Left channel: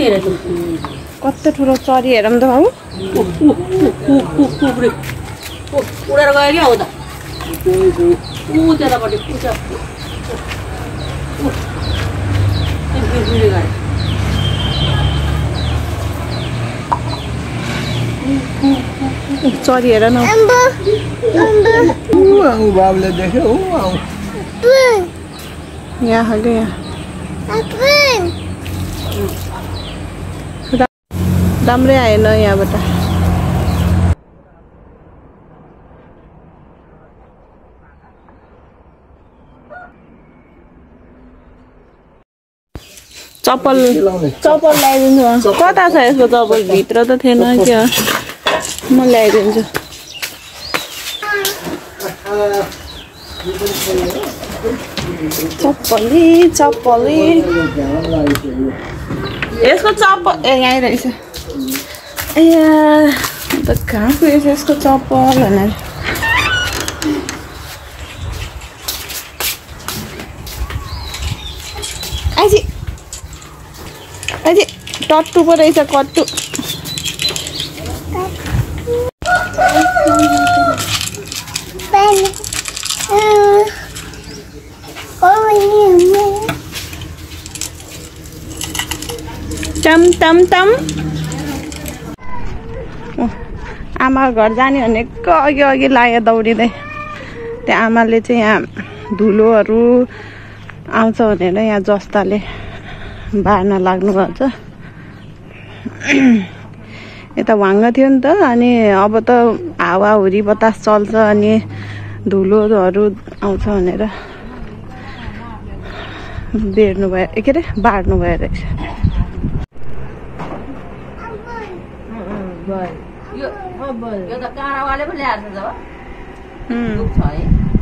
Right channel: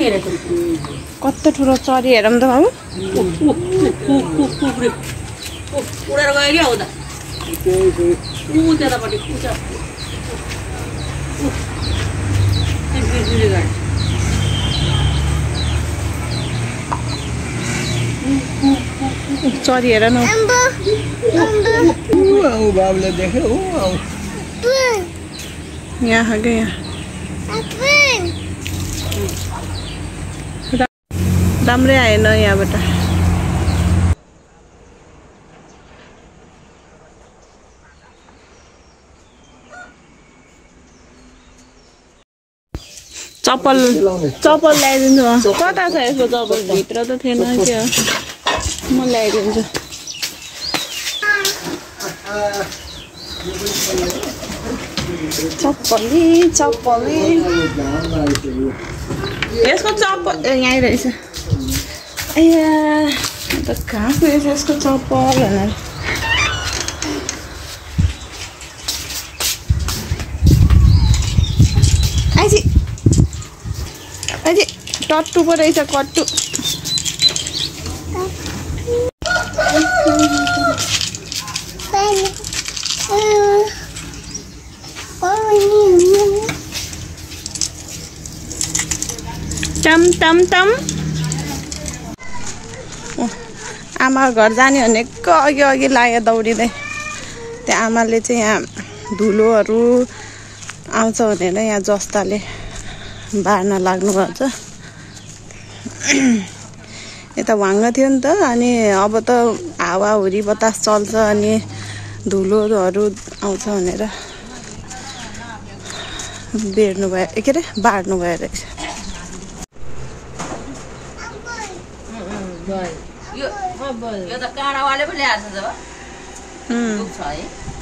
कस्तो ठुलो चरी हेरौँ त बाबु उडेर गयो क्या हो त त्यतापट्टि चरी हेर न बाबुले देख्यो यहाँ क्या यहाँ राम्रै आएन यहाँबाट चप्पल ल्याइदिन्छु कता छ यसको चप्पल भित्र त थिएन क्या म ल्याइदिन्छु चप्पली यसको चप्पल यहीँ रहेछ ए त कहाँ गएछ यसको चप्पल भनेर अझै टट्टु पो रहेछ कट्टु टम टम टम आमा घर जाने भनेको अघि लाग्यो दौडिँदै त्यहाँ आमाले चाहिँ यहाँ धुलोहरू आउँछ भनेर यहाँ जस्ताले बार्न लाग्नुभएको छ यता भाङ्ग थियो नि त अनि अब त हावाहुरी बतास चल्छ अनि धुलोहरू आउँछ भनेर बेर्नु भयो के अरे बार्नु भयो रहेछ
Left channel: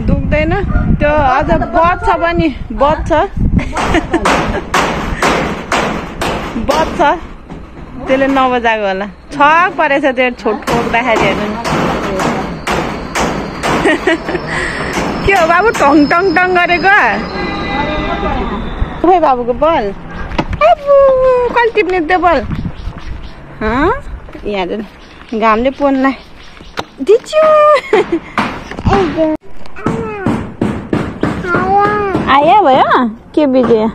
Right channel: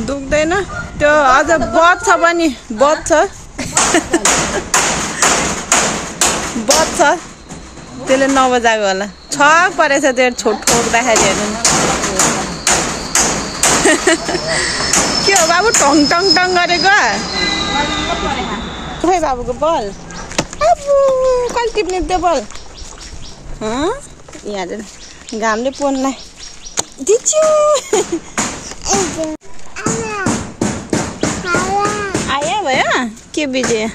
दुख्दैन त्यो अझ बच्छ पनि बच्छ त्यसले नबजाएको होला छक परेछ त्यो ठोक्दाखेरि हेर्नु के हो बाबु टङ टङ टङ गरेको खै बाबुको बल अबु कहिले टिप्ने त्यो बल यहाँ घामले पोनलाई दिच्यो आयो भयो के बिजे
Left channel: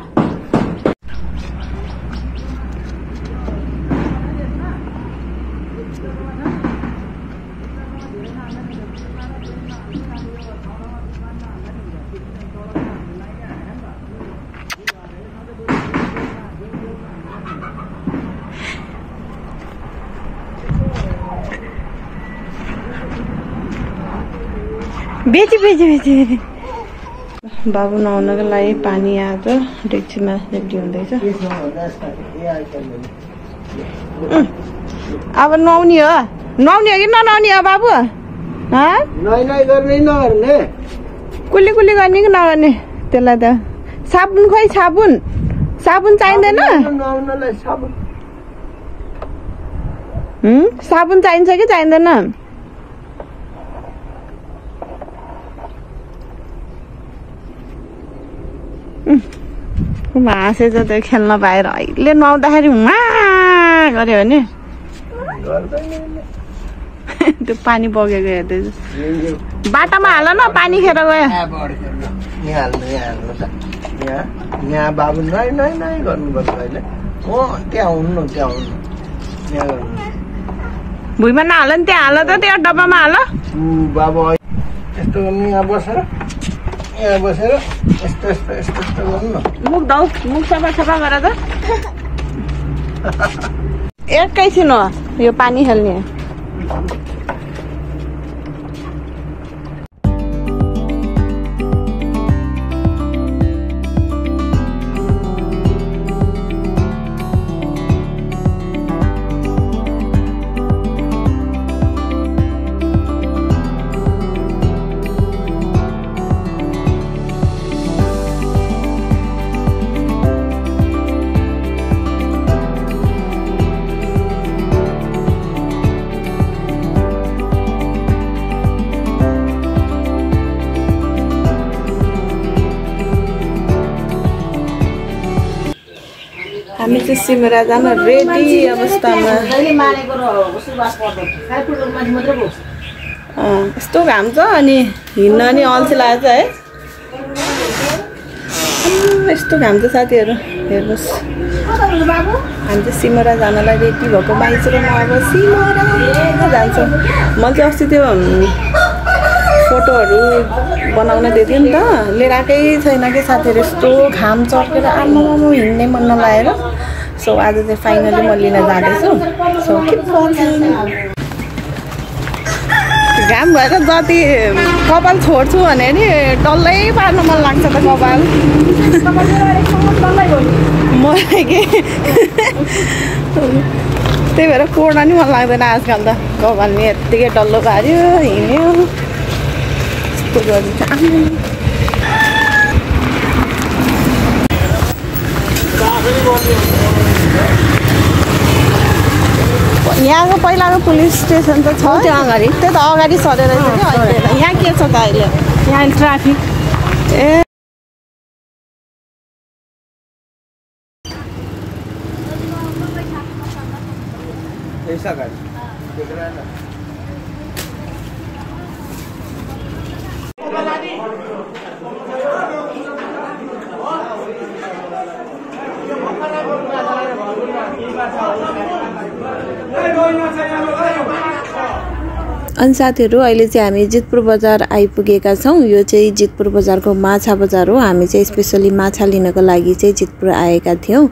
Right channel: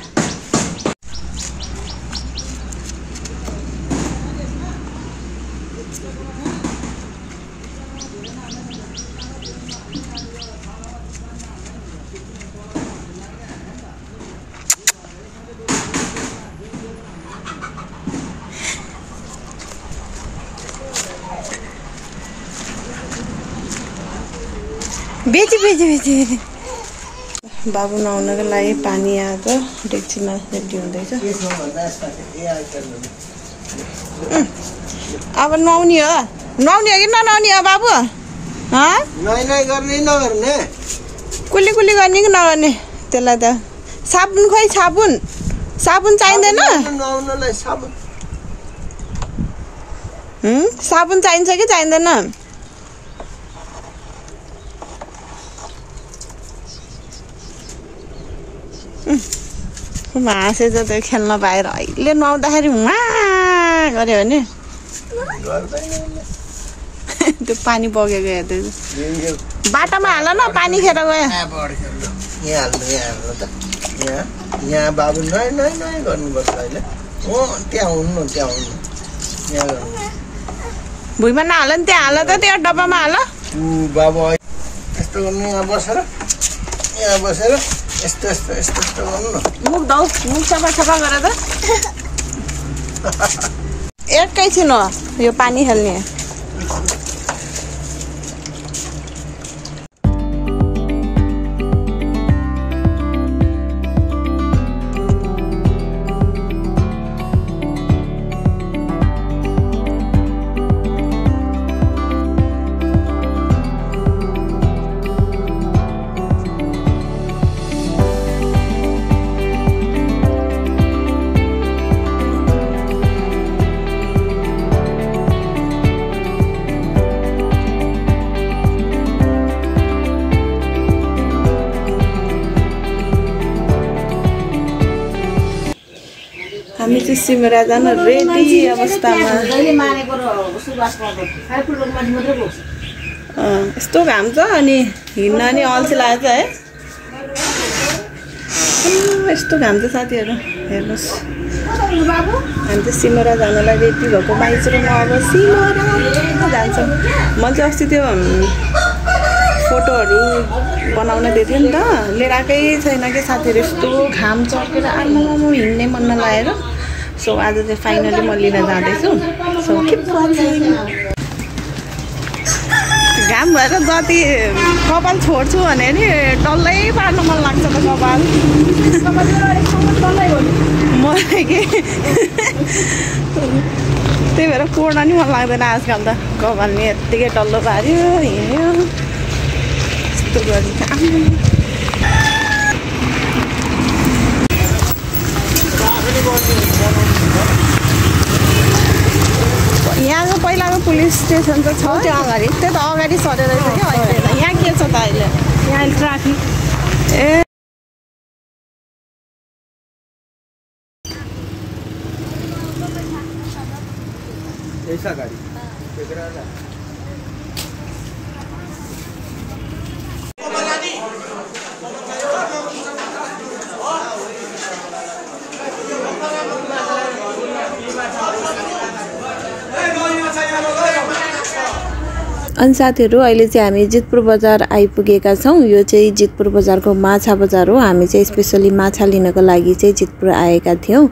बेची बाबु नुहाउनको लागि पानी आएको डेक्चीमा रेडी हुँदैछ अब नुहाउने हो कि ननुहाउने हो बाबु कुल्ली गर्ने कि नगर्ने त्यसलाई त साबुन खोइ साबुन चाहिँदैन साबुन चाहिन्छ कि चाहिँदैन हाँसेछ त्यो खेल्न पाएर अहिले नुहाउँदाखेरि गऱ्यो भने त्यो पानी बगेको हेर्दैछ बाटामा हाल न पानी खेर गयो यहाँ बाबु नै गर्नुपर्छ अहिले त्यहाँ हुनु भुइँमा नहाल नि त्यहाँ हाल त त्यो डब्बामा हाल बाबु यस्तो गर्नु यहाँ बसेर यस्तो गर्नु न मुख सफा गर त एकैछिन हो यो पानी खेल्ने हामी चाहिँ सिमरा जान रेडी अवस्थामा। यस्तो घाम छ अनि हिँड्न नि अल्छी लागेको छ है। यस्तो घाम छ साथीहरू, हेर्नुहोस्। हामी चाहिँ सिमरा जानलाई रेडी भएको माइज र म अब सिमरा जान्छौँ। मैले चाहिँ अस्ति त्यो फोटोहरू बनाउन दिएको थिएँ नि त, लिएर आएकै छैन कि साथीहरू। यस्तो घाम चर्केर आमामा हिँड्नै मन नलागेर। सो आज चाहिँ फाइनली म लिन जाँदैछु। So keep watching. घाम भएर जति कपाल छोड्छु भने नि डल्लै पार्न मन लाग्छ त कपाल। मलाई के त्यही भएर कोर्न नि मन लाग्दैन आजकल त। कपाल नि यत्तिकै डल्लो पार्यो, हिँड्यो, यस्तो गरिन्छ। यहाँको पहिलाको पुलिस स्टेसन त छ, त्यही त अगाडि सरेर रहेछ कि अहिले। यहाँ के छ त अहिले? यहाँ ट्राफिक। ए ऐसा गाडी अनि साथीहरू अहिले चाहिँ हामी जितपुर बजार आइपुगेका छौँ। यो चाहिँ जितपुर बजारको माछा बजार हो। हामी चाहिँ स्पेसली माछा लिनको लागि चाहिँ जितपुर आएका थियौँ।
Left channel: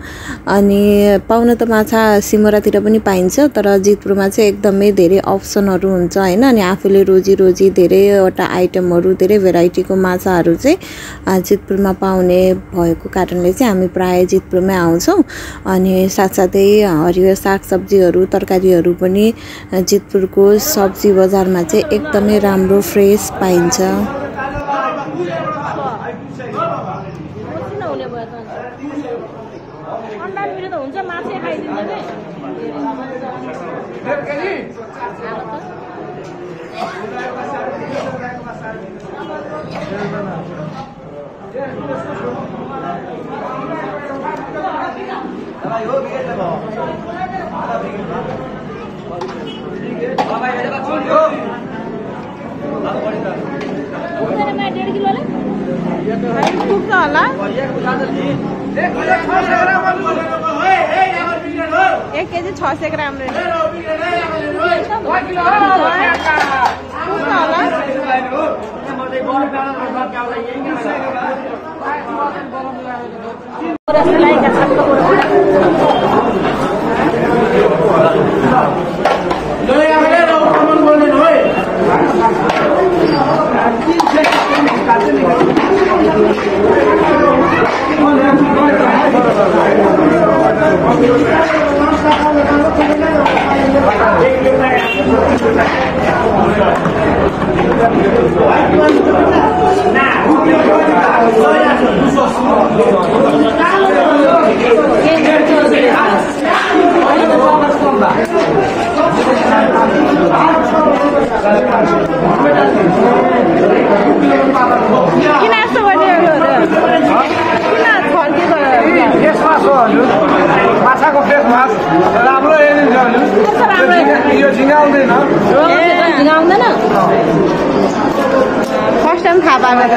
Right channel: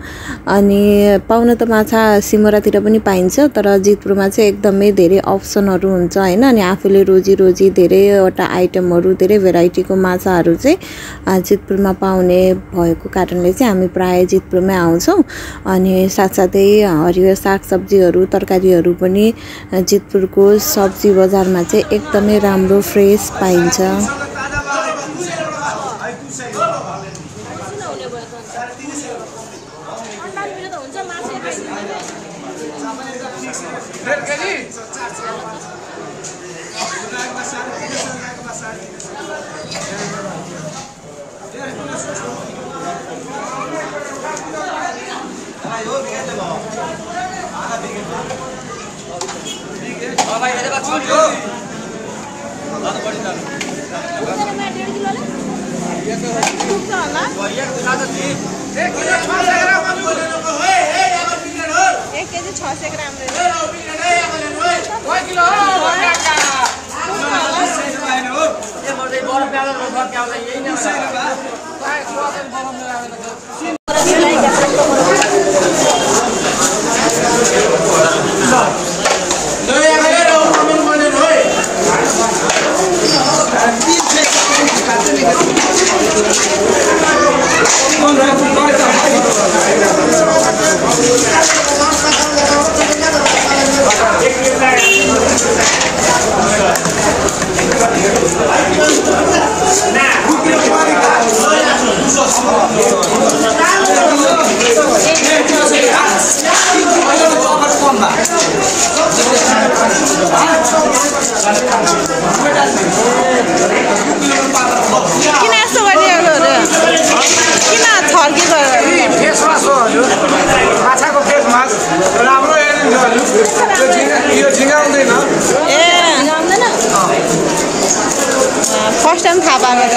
अनि पाउन त माछा सिमरातिर पनि पाइन्छ, तर जितपुरमा चाहिँ एकदमै धेरै अप्सनहरू हुन्छ हैन। अनि आफूले रोजी धेरैवटा आइटमहरू, धेरै भेराइटीको माछाहरू चाहिँ जितपुरमा पाउने भएको कारणले चाहिँ हामी प्राय जितपुरमै आउँछौँ। अनि साथसाथै हरियो सागसब्जीहरू, तरकारीहरू पनि जितपुरको सब्जी बजारमा चाहिँ एकदमै राम्रो फ्रेस पाइन्छ। एक केजी 600 ग्राम किन यस्तो गरिदियो? किन छर्की गरेर? फेस मास हो हजुर, माछाको फेस मास राम्रो हेरिन्छ हजुर। यो झिँगा आउँदैन। फर्स्ट टाइम थाहा पाएको त।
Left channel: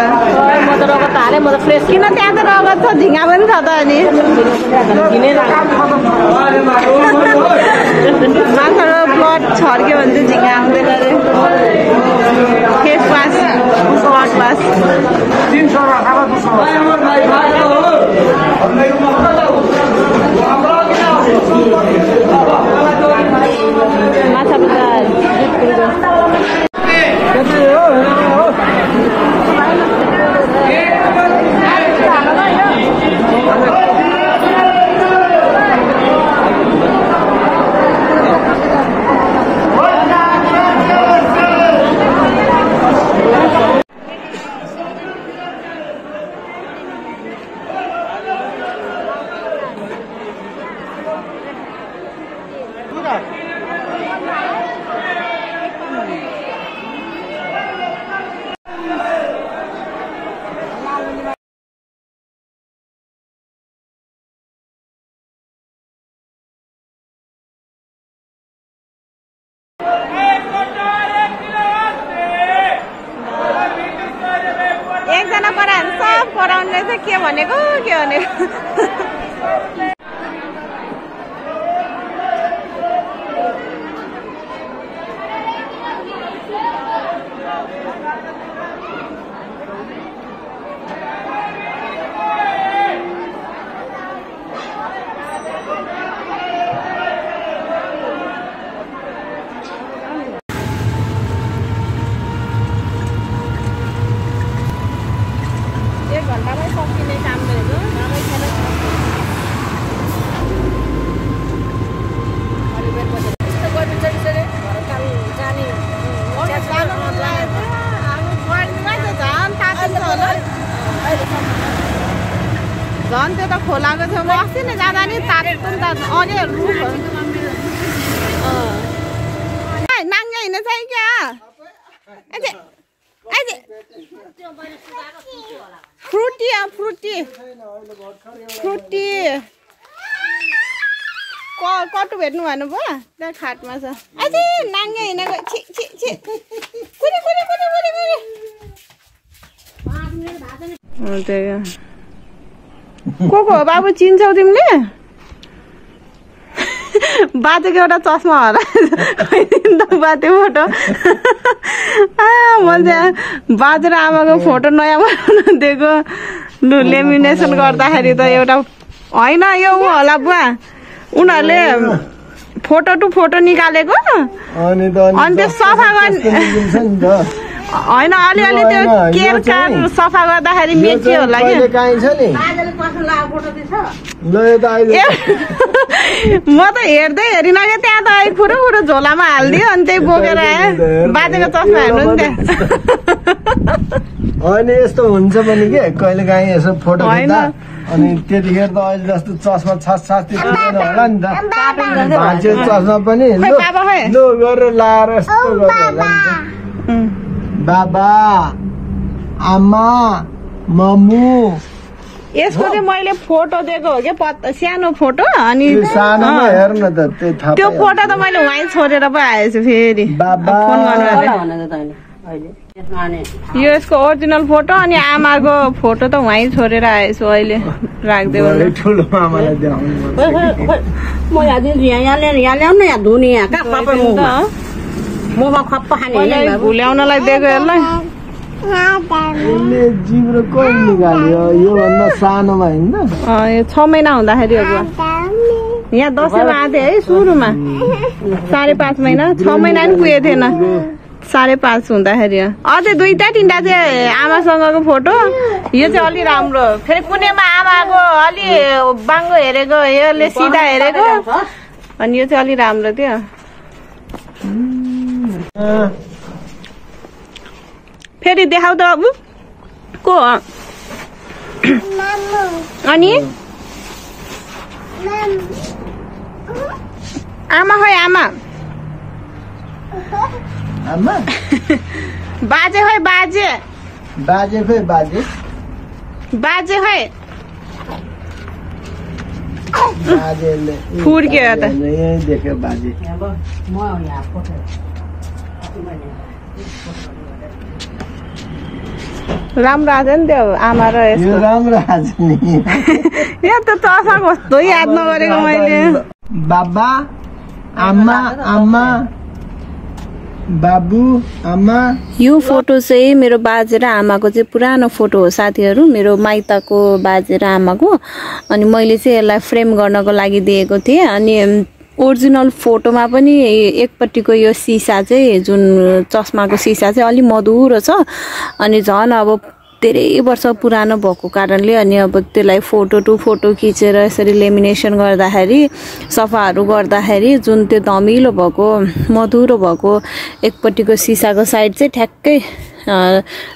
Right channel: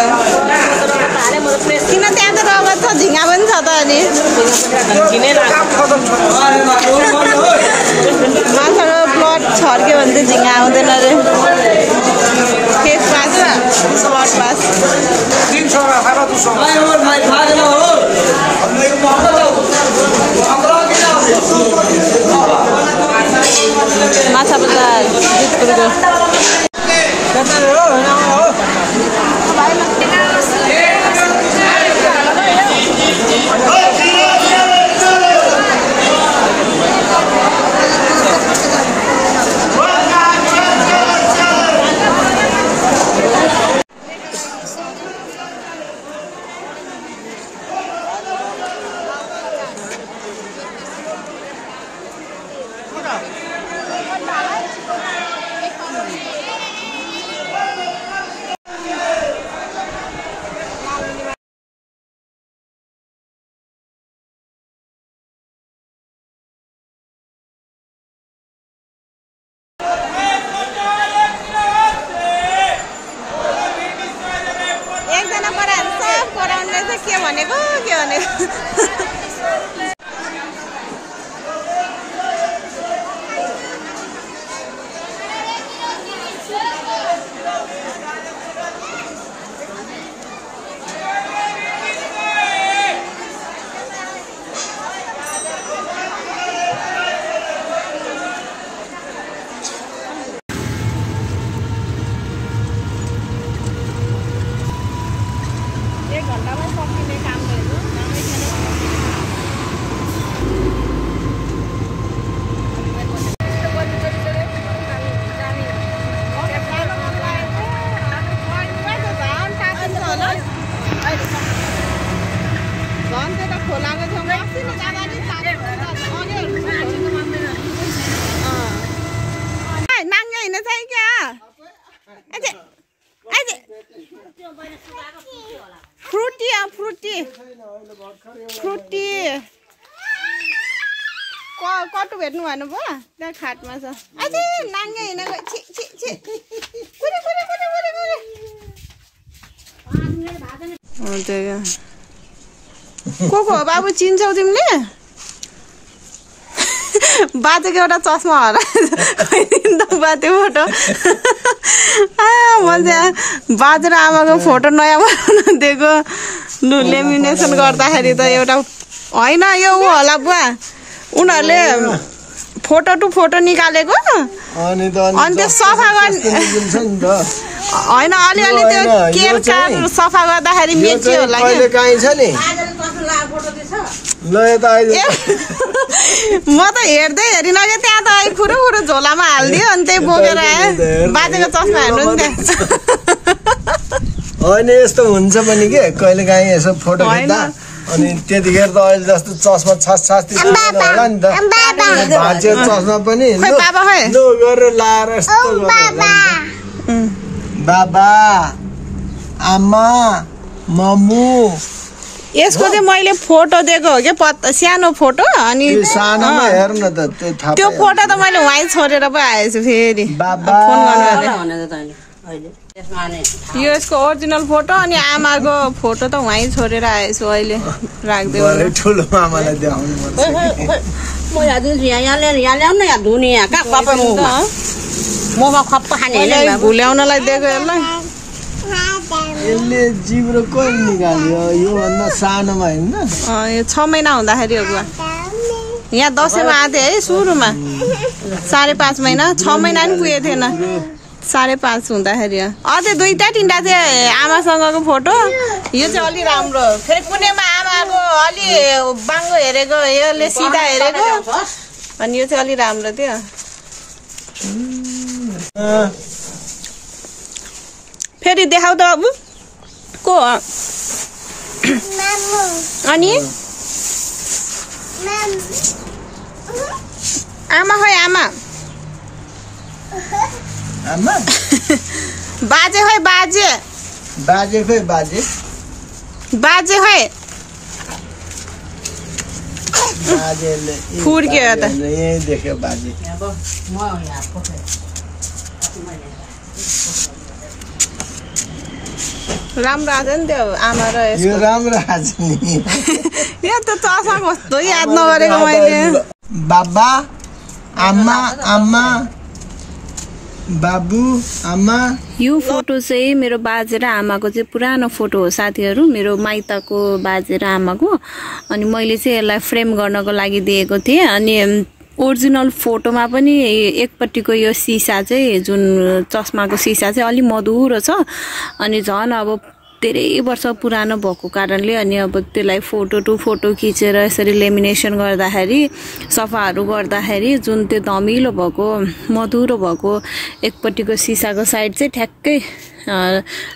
किन त्यहाँ त रगत छ, झिँगा पनि छ त। अनि माछाको ब्लड छर्क्यो भने चाहिँ झिँगा आउँदैन अरे। फेस वास, ब्लड वास 300 अब 200। माछा बजार जितपुरको। गराउनले चाहिँ के भनेको झन् त्यो त खोलाको छेउमा अस्ति नै जाँदा नि तारेको नाङ्गे हिँड्न चाहिँ क्या फ्रुटी कटु भेट्नु भन्नुभयो त्यहाँ खाटमा छ अझै नाङ्गे हिँडेको को हो बाबु चिन्छौ तिमीले बाजेको एउटा चस्मा होला बाजे फोटो मैले बाजे र आमाको फोटो नयाँ बनाउन दिएको लु लेमिनेसन गर्दाखेरि त एउटा होइन यो ऊ होला बुवा उनीहरूले फोटो टु फोटो निकालेको अनि त्यो सफा गर्ने होइन अलिअलि त्यो केयर कार्ड सफा गर्दाखेरि मेच्यो होला कि म त हेर्दै हेरिन क्या त्यहाँ त खुरो झोलामा हालिदियो अनि त्यही बोकेर आयो बाजेको चस्मा हेर्नु नि त्यहाँ होइन यस्तो हुन्छ पनि के कहिले काहीँ यसो फोटो खिच्दा अनि त्यतिखेर त अहिले जस्तो चस्मा छास्ती होला नि त भाँचेको चस्मा पनि लु गरेर लाएर यस्तो बाबा आमा मम्मु यसको चाहिँ मैले फोटो दिएको हो क्या सानो फोटो अनि सानोमा हेर्न त त्यो फोटो त मैले वहीँ छोडेर पो आएछु फेरि बाबा यो यसको ओरिजिनल फोटो अनि आमाको फोटो त वहीँ छोडेर आएछु अहिले राख्दै ठुलो मामालाई भुल्याउनलाई दिएको यसलाई यसले जिब्रो कहिले निकाल्यो योभन्दा सानोमा होइन यो 6 महिना हुँदाखेरि हो बुवा यहाँ दसैँमा आएको थिएँ है सुरुमा 5.5 महिना 6 महिना पनि पुगेको थिएन 5.5 हुँदाखेरि अझै 2-3टा चाहिँ आमासँगको फोटो यो चाहिँ अलि राम्रो फेरि कुनैमा आमाको अलि बाङ्गो हेरेको यसले सिधा हेरेको अनि यो चाहिँ अलि राम्रो थियो फेरि देखाउ त बाबु को अनि आमा खोइ आमा बाजे खोइ बाजे खोइ फुर्क्यो त यही देख्यो बाजे राम्रो आएको नि त्यो आमा र यो राम्रो आज नि यहाँ त चस्मा कस्तो याद नगरेको मैले बाबा आमा आमा बाबु आमा यो फोटो चाहिँ मेरो बाजे र आमाको चाहिँ पुरानो फोटो हो साथीहरू मेरो माइतको बाजे र आमाको अनि मैले चाहिँ यसलाई फ्रेम गर्नको लागि दिएको थिएँ अनि ओरिजिनल फोटोमा पनि एकपट्टिको यो सिसा चाहिँ जुन चस्माको सिसा चाहिँ अलि मधुरो छ अनि झन् अब धेरै वर्ष पुरानो भएको कारणले अनि अब त्यसलाई फोटो टु फोटो खिचेर यसरी लेमिनेसन गर्दाखेरि सफाहरू गर्दाखेरि जुन त्यो धमिलो भएको मधुरो भएको एकपट्टिको सिसाको साइड चाहिँ ठ्याक्कै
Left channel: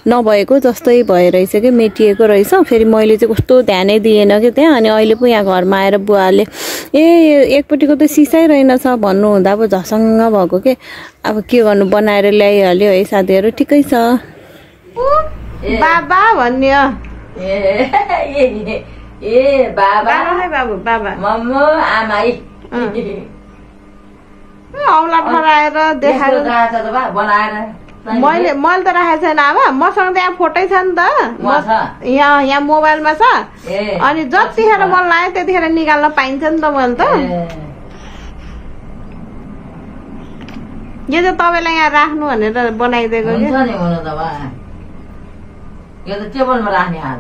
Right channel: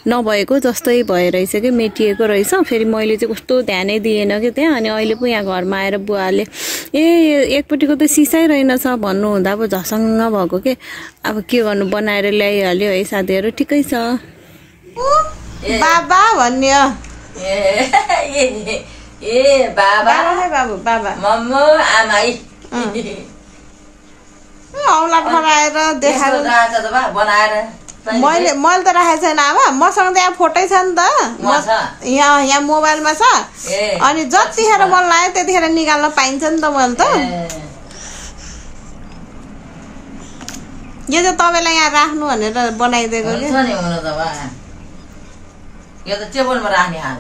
नभएको जस्तै भइरहेछ कि मेटिएको रहेछ फेरि मैले चाहिँ कस्तो ध्यानै दिएन कि त्यहाँ अनि अहिले पो यहाँ घरमा आएर बुवाले एकपट्टिको त सिसै रहेनछ भन्नुहुँदा अब झसङ्ग भएको के अब के गर्नु बनाएर ल्याइहाल्यो है साथीहरू ठिकै छ बाबा भन्ने बाबा बाबु बाबा मम्मु आमाई औला फराएर देखाएर बनाएर मैले त राखेको छैन आमा मसँग त यहाँ फोटै छ नि त यहाँ मोबाइलमा छ अनि जतिखेर मन लाग्यो त्यतिखेर निकाल्न पाइन्छ नि त मैले त यो चाहिँ तपाईँलाई यहाँ राख्नु भनेर बनाइदिएको यो त टेबलमा राख्ने हाल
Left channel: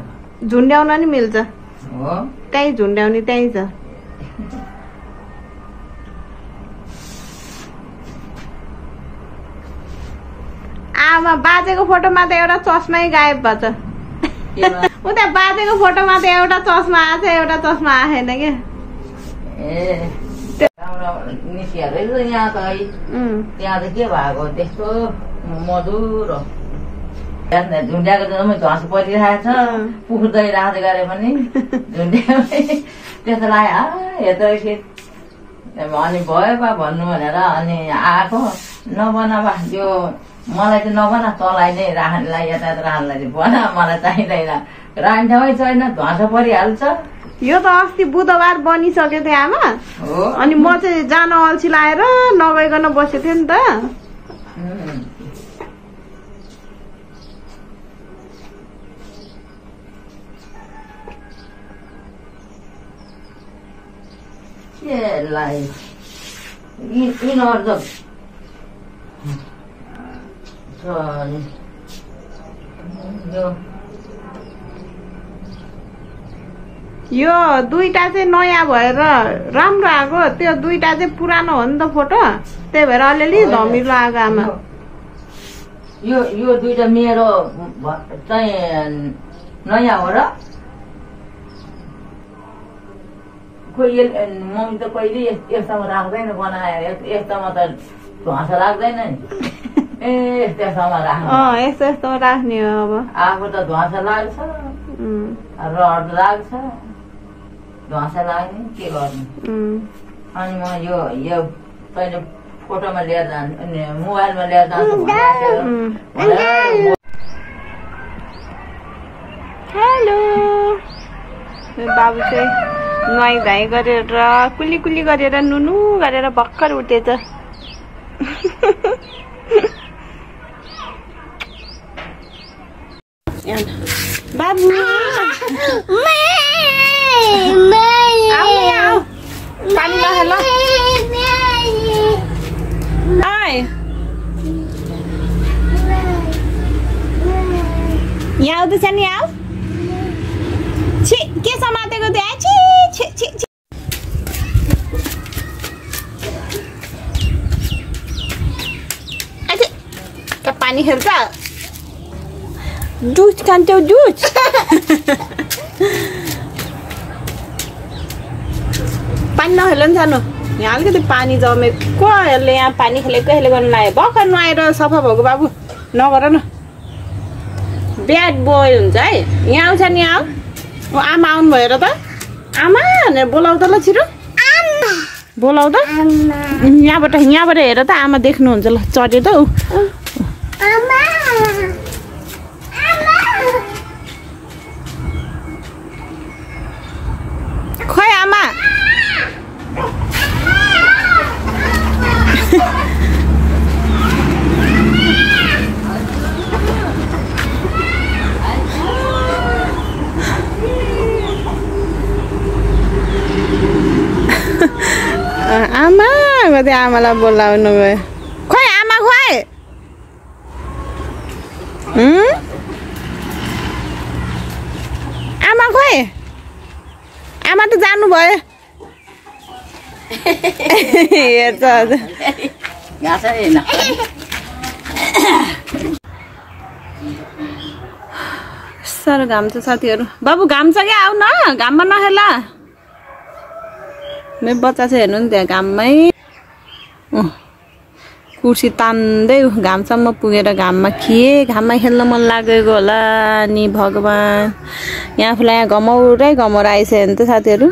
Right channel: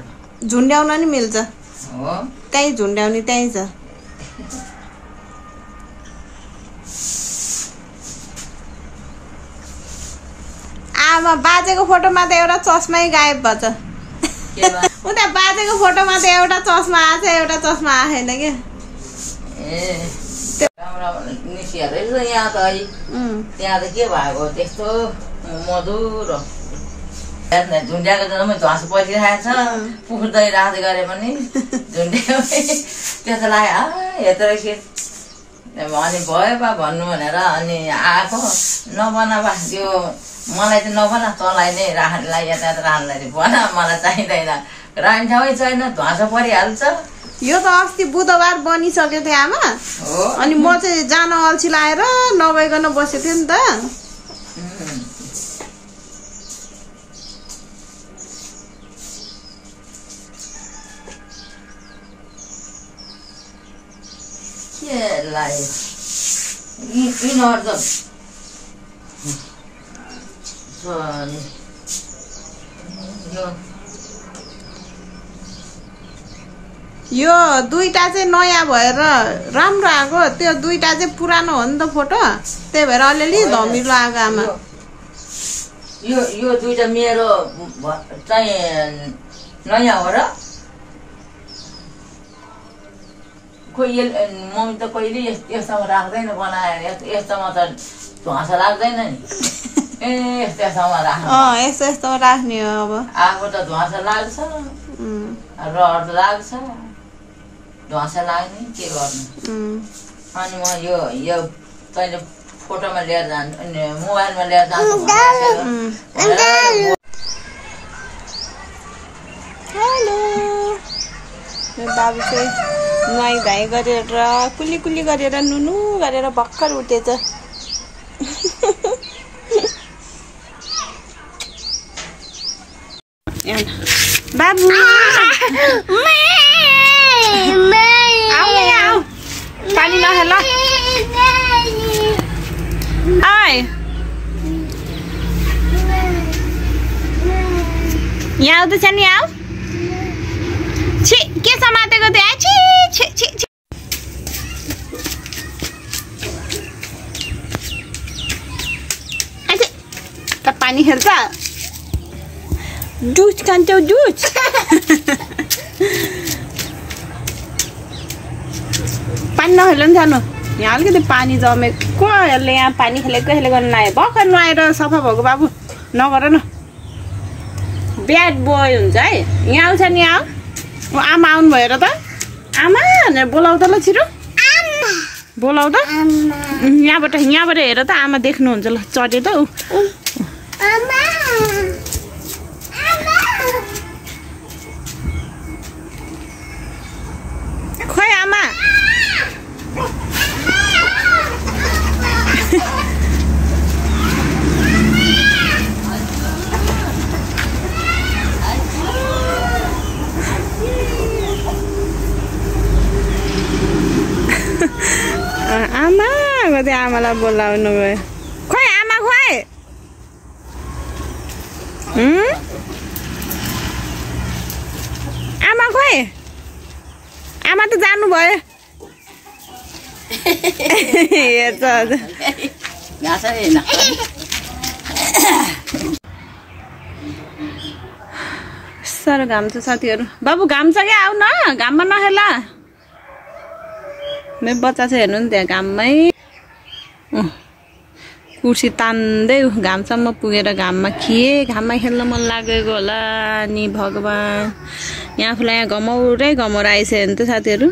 झुन्ड्याउन नि मिल्छ हो त्यही झुन्ड्याउने त्यही छ आमा बाजेको फोटोमा त एउटा चस्मै गायब भएछ उता बाजेको फोटोमा त एउटा चस्मा आछ एउटा चस्मा आएन के यहाँ त त्यहाँ त के भएको त्यस्तो मधुर झुन्ड्याएको जम्मै ध्वास परिरहेको छ पुख्दै राख्दै गरे पनि झुन्ड्याएमै त्यो त लाग्यो हेर्दै के अनि भयो बा भन्नु भनेर अनि आएको नबनाबा त्यो मलाई त नबना तँलाई नै राख्नेलाई यता राख्नेलाई बना मलाई चाहिँदैन राख्ने ठाउँै छैन ध्वास परिहाल्छ यो त अस्ति बुधबार बनिसक्यो थियो आमा अनि म चाहिँ जान अल्छी लाएर नगइकन बसेको थिएँ नि त यो दुईटा चाहिँ नयाँ भएर राम्रो आएको त्यो दुईटा चाहिँ पुरानो हो नि त फोटो त्यही भएर अलिअलि धमिलो आएको आमा यो दुईटा मेरो चाहिँ नयाँ हो र कोही मम्मी त कहिले यस्तोमा राख्दैन बनाएर यस्तोमा त ध्वास लाग्दैन नि ए यस्तोमा राख्नु यस्तो यस्तोमा राख्ने हो अब आफू त ध्वास लाग्छ रड लाग्छ ध्वास लाग्ने के गर्नु अनि म यो तैँले फोटोमा लिएर जान्छु मोबाइलमा लिएर जान्छु हेलो बाबु चाहिँ नुहाइ धुवाइ गरेर कुली कुली गरेर नुनु गरेर भर्खर उठेछ बाबु पानी नखेल यहाँ आउँदैछ नि आऊ छि के समातेको त्यहाँ छि छि छि पानी खेल्छ दुध खान्छौ दुध पानी नखेल नि सानो यहाँ अलिकति पानी जमेको यसले यहाँ पानी खेलेको यसले गर्नु लाग्यो भर्खर नुहाएर सफा भएको बाबु नगर न ब्याड बोय हुन्छ है यहाँ आउँछ नि आऊ आमा आउनु भयो र त आमा भनेर बोलाउ त ल छिटो बोलाउ त यहाँबाट हेर त आमा देख्नुहुन्छ ल चढ्यो त खोइ आमा आमा कति आमालाई बोलाउनु गयो खोइ आमा खोइ आमा खोइ आमा त जानुभयो हेर्छ साह्रो घाम छ साथीहरू बाबु घाम छ क्या आऊ न घाममा नखेला मेरो बच्चा चाहिँ हेर्नु नि त्यहाँ घाममै कुर्सी तान्दै घामसम्म पुगेर घाममा घाममा खेल्न मन लागेको होला नि भगवान् यहाँ आफूलाई यहाँ घमाउरै आइसक्यो नि त साथीहरू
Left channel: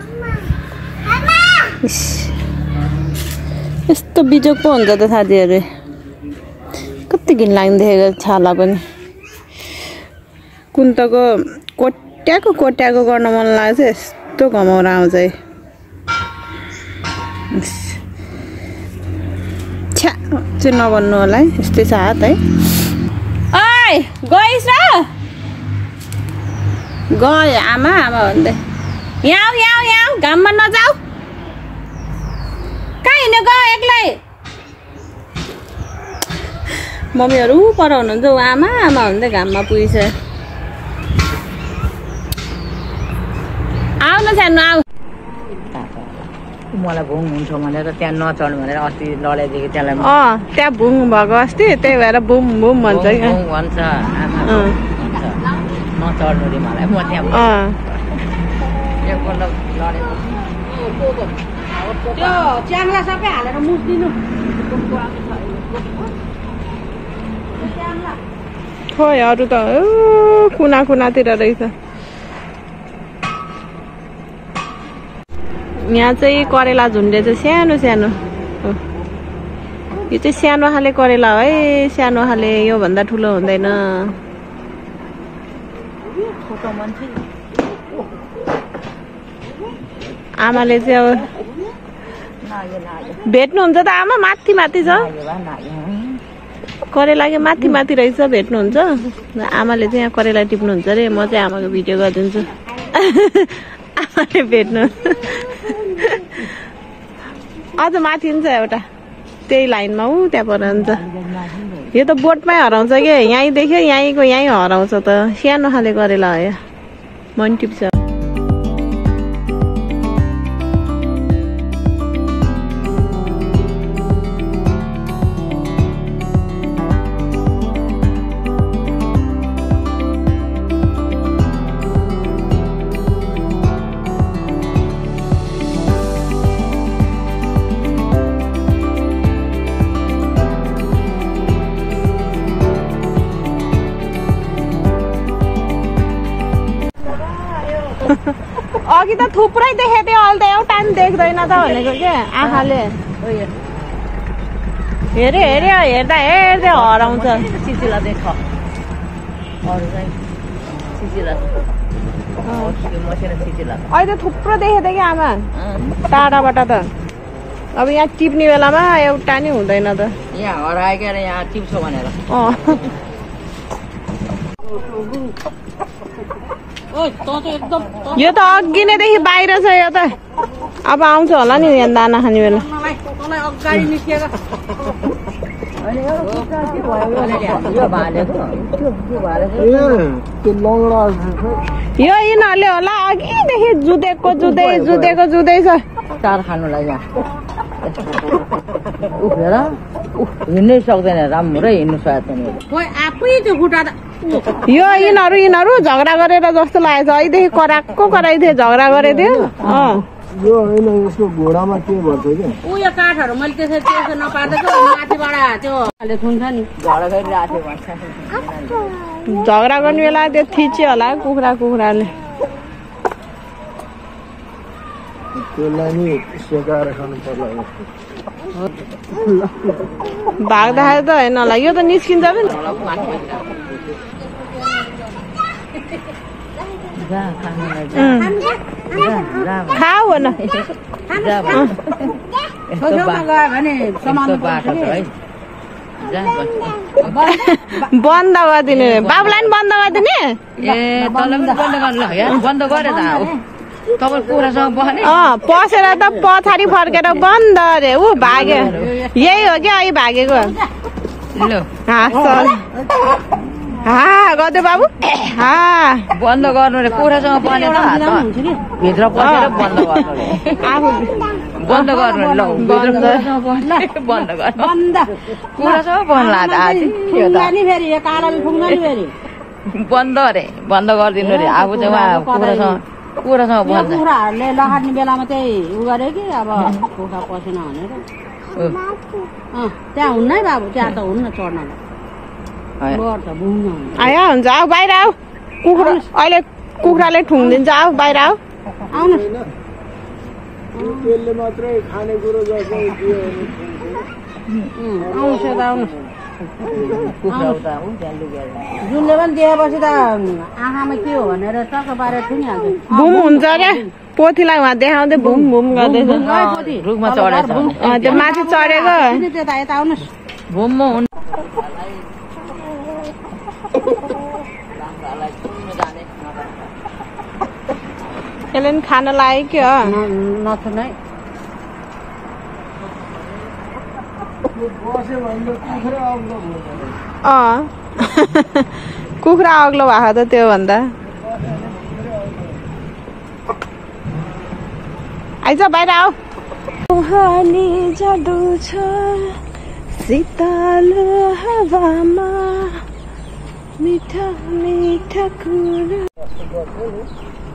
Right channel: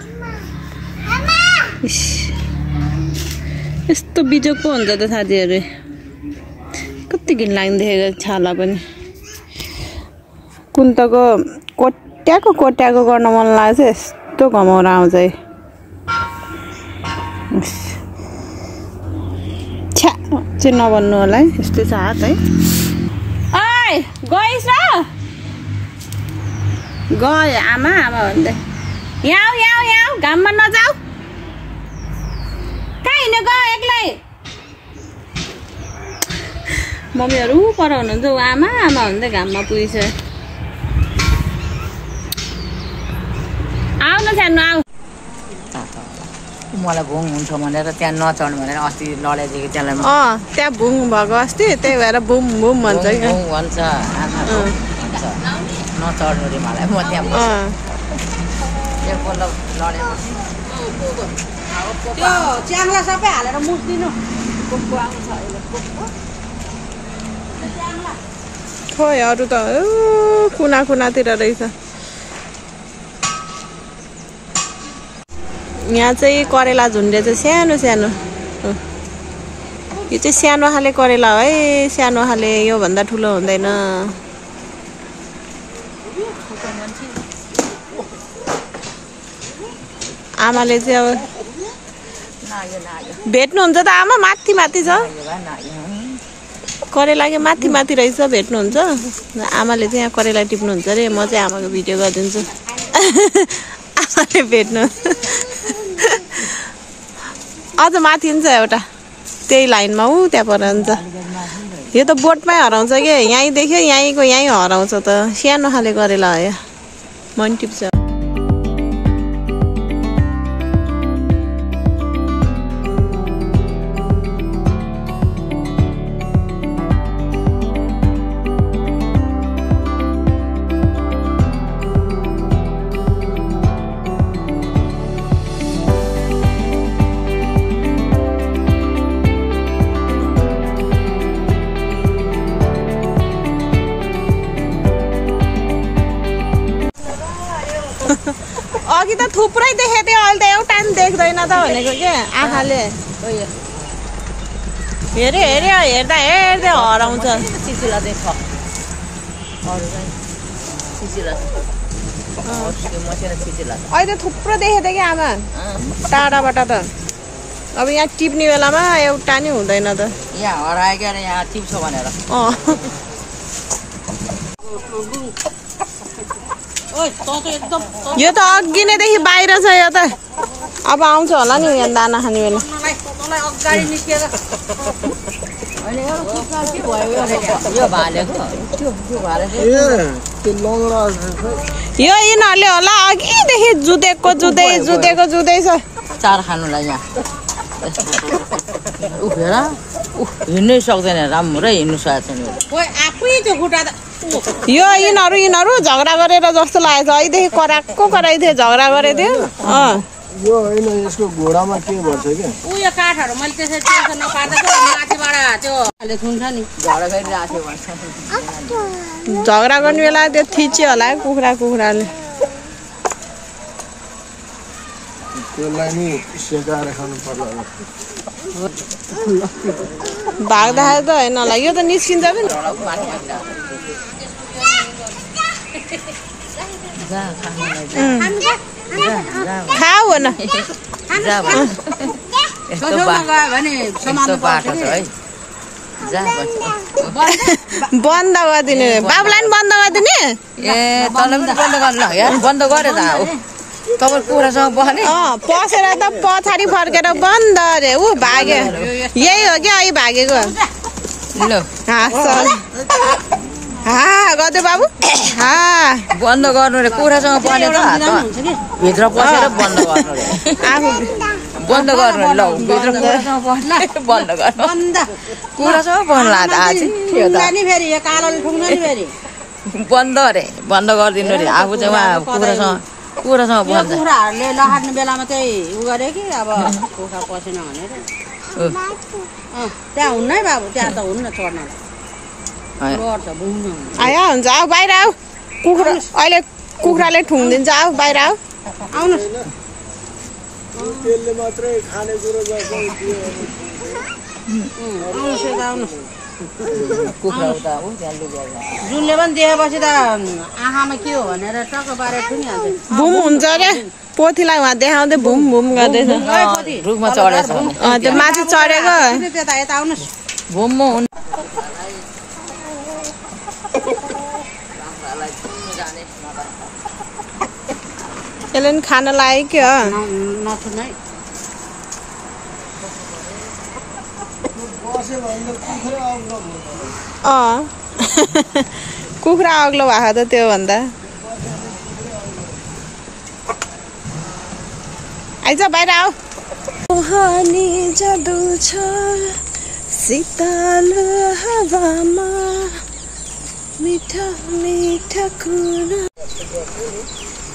यस्तो बिजोग पो हुन्छ त साथीहरू कति घिन लाग्ने देखेको छाला पनि कुन्तको कोट्याको गर्न मन लाग्छ यस्तो घमाउरो आउँछ है छ्या चाहिँ नभन्नु होला है यस्तै छ हात है ओइ गइस र गयो आमा भन्दै यहाँ घाममा नजाऊ कहाँ हिँड्यो गयो एक्लै मम्मीहरू पर हुनुहुन्छ आमा भन्दै घाममा पुगिसक्यो आऊ न सानो आऊ मलाई भुङ हुन्छ भनेर त्यहाँ नचढ्नु भनेर अस्ति लडाइदिएको त्यसलाई त्यहाँ भुङ भएको अस्ति त्यही भएर बुम बुम भन्छ क्या भन्छ नचढ्नु रे मलाई म त्यहाँ एकपल्ट लडेको सबै हालेर मुस्दिनु खोइ अरू त कुना कुनातिर रहेछ यहाँ चाहिँ करेला झुन्डे चाहिँ सानो सानो यो चाहिँ सानो खाले करेला है सानो खाले योभन्दा ठुलो हुँदैन आमाले चाहिँ अब भेट्नुहुन्छ त आमा माथि माथि छ करेला के माथि माथि रहेछ भेट्नुहुन्छ आमाले चाहिँ यहाँ करेला टिप्नुहुन्छ अरे म चाहिँ आमाको भिडियो गरिदिन्छु आमाले भेट्नु अझ माथि छ एउटा त्यही लाइनमा त्यहाँ पर हुन्छ यो त बोटमै हराउँछ कि यहीँ देख्यो यहीँको यहीँ हराउँछ त सानो खाले करेला हो मन टिप्छ अघि त थुप्रै देखेको थियो अहिले त एउटा पनि देख्दैन त भनेको के आँखाले हेऱ्यो हेर्दा हेर्दै हराउँछ अहिले त थुप्रो देखेको थियो कि आमा टाढाबाट त अब यहाँ टिप्ने बेलामा एउटा नि हुँदैन त यहाँ हरायो यहाँ टिप्छ भनेर यो त अघि नैदेखि बाहिर छ यो त अब आउँछ होला नि यहाँ दाना खाने बेला यो यिनीहरूले होला अघिदेखि जुधेको जुधै छ चार खानुलाई यहाँ उफेर हिँड्नै सक्दैन राम्रै हिँड्नु सकेको छैन यो यिनीहरू झगडा गरेर जस्तो लागेको छ अहिलेदेखि कराएको थियो झगडा गरेको थियो यो होइन यसको घोडामा के भन्छ क्या उयो काठहरू मैले त्यसरी त्यसो नपार्दैछु माथिबाट त्यो थुन्छ नि झगडा गरिरहेको थियो झगडा गर्ने बेला त्यो थिच्यो होला कुखुराले त्यसलाई नि सेकाएर खानु पर्ला भाग्दाखेरि त होइन होला यो त निस्किन्छ पनि खाऊ न बन्द गरिदिने बाबुलाई पनि बन्द गरिदिने पसेर त पछाडि फर्केर बन्द अरे ऊ भाग्यो यही हो क्या अहिले भागेको गर्दै बाबु बन्द गर्नु रे कुखुरासँग पर्ने भित्र पसेर बन्द गर्नु बन्द अरे बन्द गरिदिनु रे आफू चाहिँ कुखुरासँग कुखुराहरूले लहार्ने बेलामा चाहिँ उ गरे कि अब कुखुरा पसेन भनेर त्यहाँ हुन्न है बाबु त्यहाँ त हुन्न चढ्न आयो हुन्छ आऊ बाहिर आऊ कुखुरा अहिले कुखुराले ठुङ्दिन्छ आऊ बाहिर आऊ आउनुहोस् त्यसले मात्रै खानेकुरो जस्तो जुनले पनि देखेपछि त आँखामा के हो भनेर टक्क पारेर ठुङ्गिहाल्छ बुम हुन्छ अरे पोथीलाई उहाँ देखाउँदै बुम बुम गर्दैछ रुखमा चढेछ त्यो माथि चढेको त्यता यता आउनुहोस् भुम यसले नि खान लाग्यो के नथुनै कुखुरा अग्लो भएको त त्यो भन्दा आइज बाहिर आऊ कहानी जादु छ शीतल हावामा मिठा मिठा कुरा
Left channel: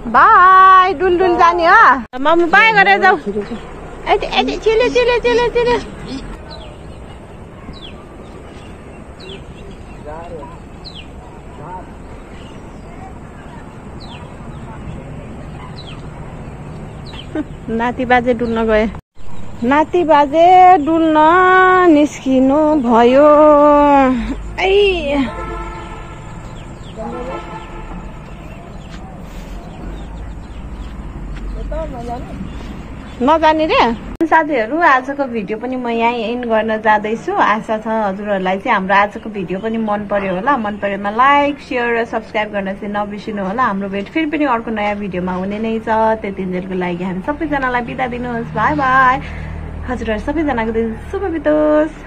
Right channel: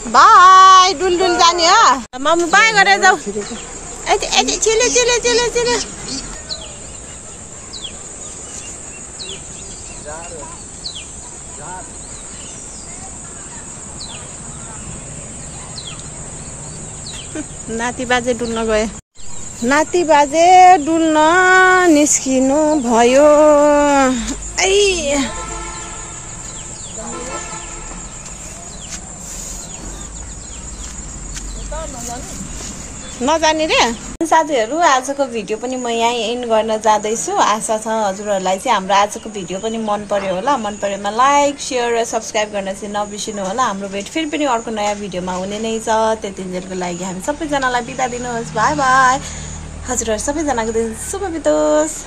बाई डुलडुल जाने हो मम्मी बाई गरेर जाऊ यति चिले चिले चिले चिले नाति बाजे डुल्न गए नाति बाजे डुल्न निस्किनु भयो नजाने रे साथीहरू आजको भिडियो पनि म यहीँ एन्ड गर्न जाँदैछु आशा छ हजुरहरूलाई चाहिँ हाम्रो आजको भिडियो पनि मन पर्यो होला मन परेमा लाइक सेयर र सब्स्क्राइब गर्न चाहिँ नबिर्सिनु होला हाम्रो भेट फेरि पनि अर्को नयाँ भिडियोमा हुने नै छ त्यतिन्जेलको लागि हामी सबैजनालाई बिदा दिनुहोस् बाई बाई हजुरहरू सबैजनाको दिन शुभ बितोस्